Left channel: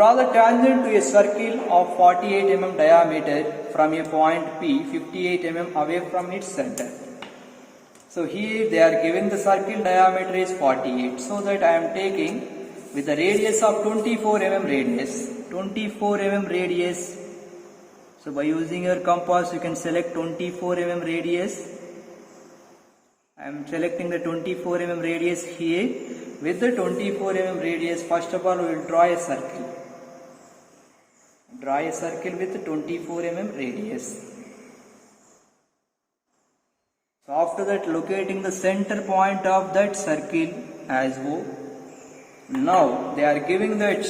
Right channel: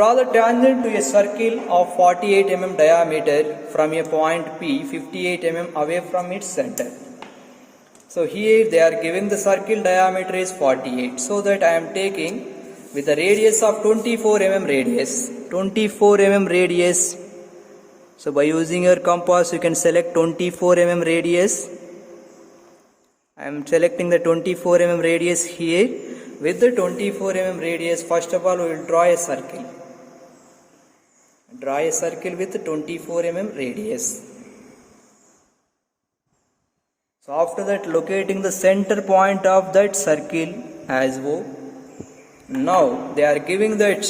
Draw the tangent to a circle of 48 mm diameter from a point P 58 mm away from its center. So here they are giving the circle diameter is 48. So that I am taking with the radius of 24 mm radius. 24 mm radius. So by using your compass you can select 24 mm radius. I am selecting the 24 mm radius here. With the 24 mm radius, first of all we will draw a circle. Draw a circle with 24 mm radius. So after that, locating the center point of that circle as O. Now they are giving that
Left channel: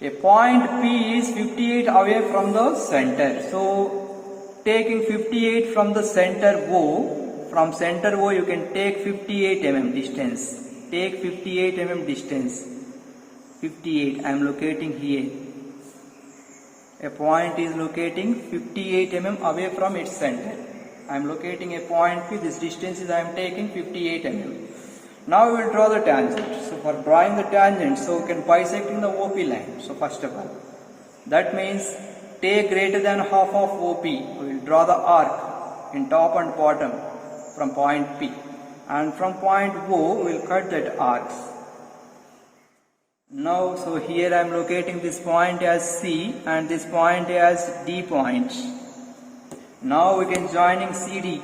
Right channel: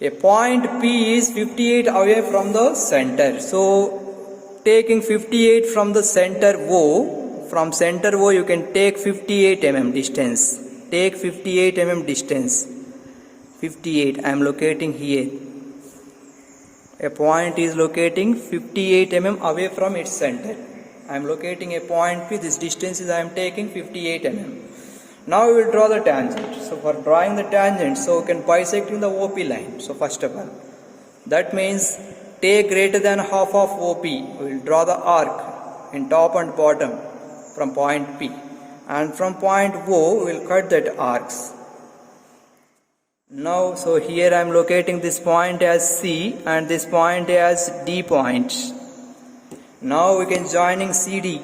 a point P is 58 away from the center. So taking 58 from the center O, from center O you can take 58 mm distance. Take 58 mm distance. 58 I am locating here. A point is locating 58 mm away from its center. I am locating a point P. This distance is I am taking 58 mm. Now we will draw the tangent. So for drawing the tangent, so we can bisecting the OP line. So first of all, that means take greater than half of OP. We will draw the arc in top and bottom from point P. And from point O, we will cut that arcs. Now, so here I am locating this point as C and this point as D point. Now we can joining CD.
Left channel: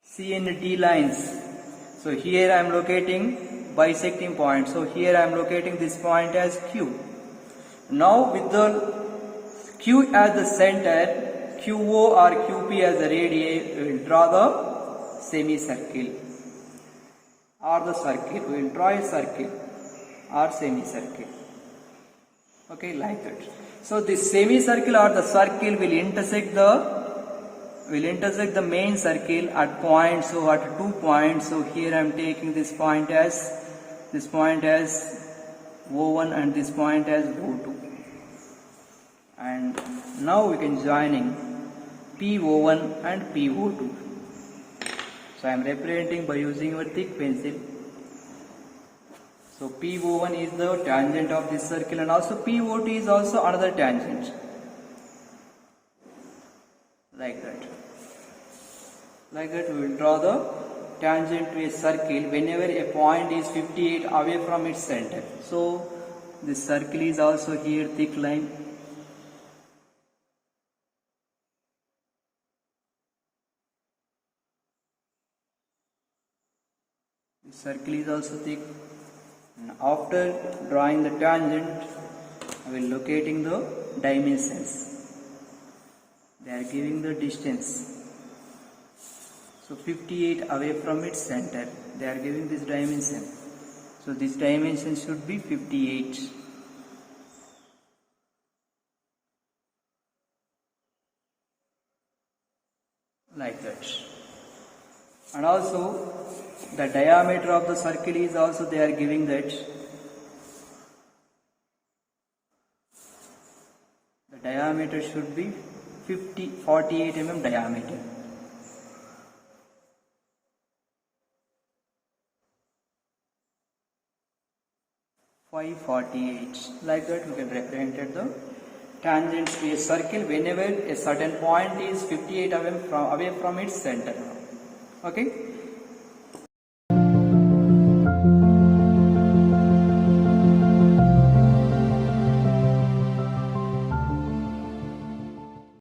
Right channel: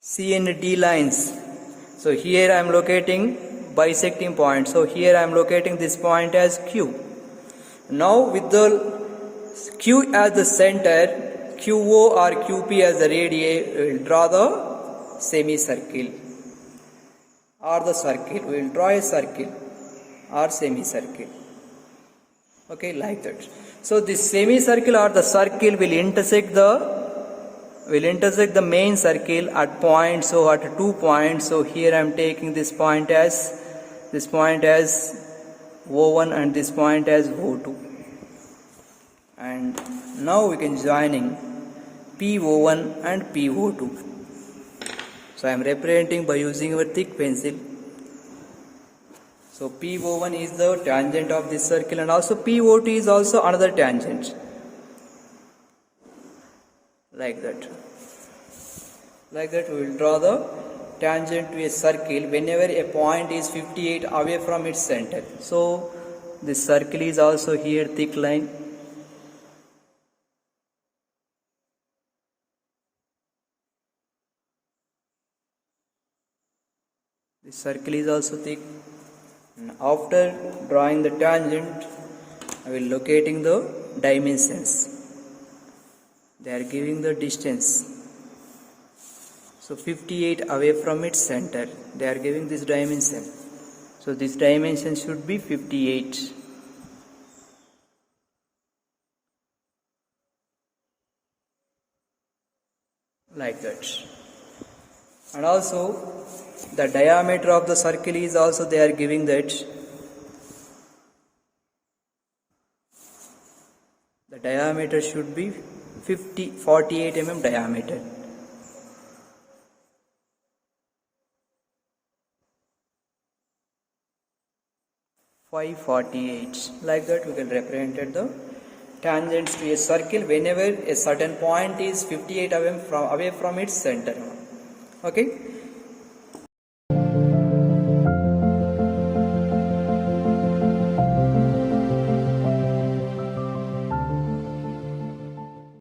C and D lines. So here I am locating bisecting point. So here I am locating this point as Q. Now with the Q as the center, QO or QP as the radii, we will draw the semicircle or the circle. We will draw a circle or semicircle. Okay, like that. So this semicircle or the circle will intersect the main circle at point. So at 2 points. So here I am taking this point as O1 and this point as O2. And now we can joining PO1 and PO2. So I am representing by using a thick pencil. So PO1 is the tangent of this circle and also PO2 is also another tangent. Like that. Like that we will draw the tangent to a circle whenever a point is 58 away from its center. So this circle is also here thick line. This circle is also thick. And after drawing the tangent, I will locating the dimensions. They are giving the distance. So 58 away from its center. They are giving this dimension. So this dimension should be 58. Like that. And also the diameter of the circle is also they are giving that. The diameter should be 48 mm diameter. Like that we can represent the tangents to a circle whenever a certain point is 58 away from its center. Okay.